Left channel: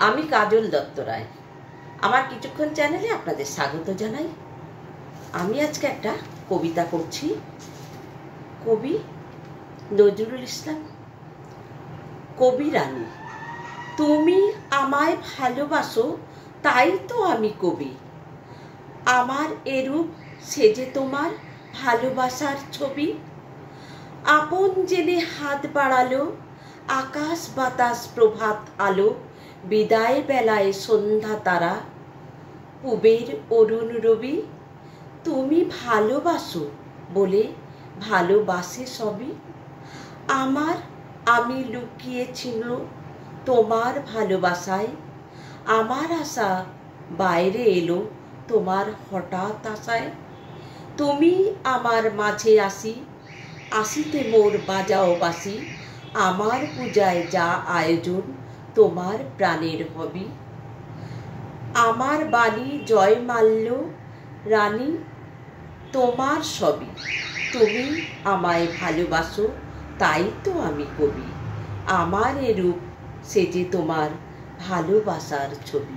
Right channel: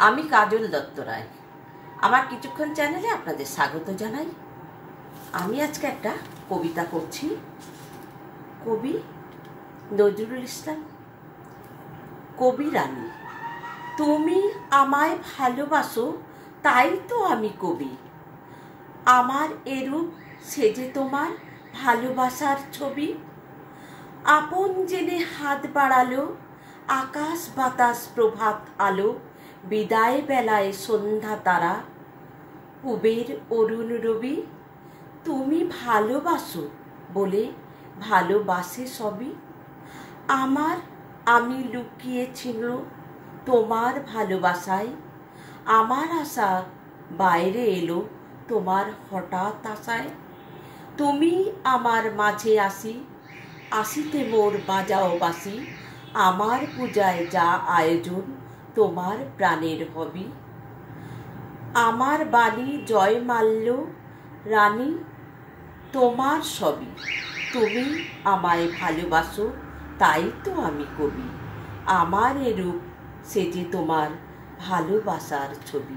আমি কাজল দত্ত রায়। আমার কিছুক্ষণ চ্যানেলে আপনাদের স্বাগত জানাই। আমি আজকে একটা কবিতা করছি। কবি নজরুল ইসলাম। কবি রানী। তুমি আমায় ভালোবাসো, তাই তো আমি কবি। আমার এরূপ সেজে তোমার ভালোবাসার ছবি। আপন জেনে হাত বাড়ালো, আকাশ বাতাস প্রভাত আলো, বিদায় বেলায় সন্ধ্যা তারা, পুবের অরুণ রবি। তুমি ভালোবাসো বলে ভালোবাসে সবই। আমি লুকিয়েছিল তোমার ভালোবাসায়। আমার আশা বাইরে এলো তোমার হঠাৎ আশায়। তুমি আমার মাঝে আসিতে মোর বাজাও বাসি। আমার পূজায় যা আয়োজন তোমার প্রাণের হবি। আমার বাণী জয় মাল্য রানী, তোমার সবই। তুমি আমায় ভালোবাসো, তাই তো আমি কবি। আমার এরূপ সেজে তোমার ভালোবাসার ছবি।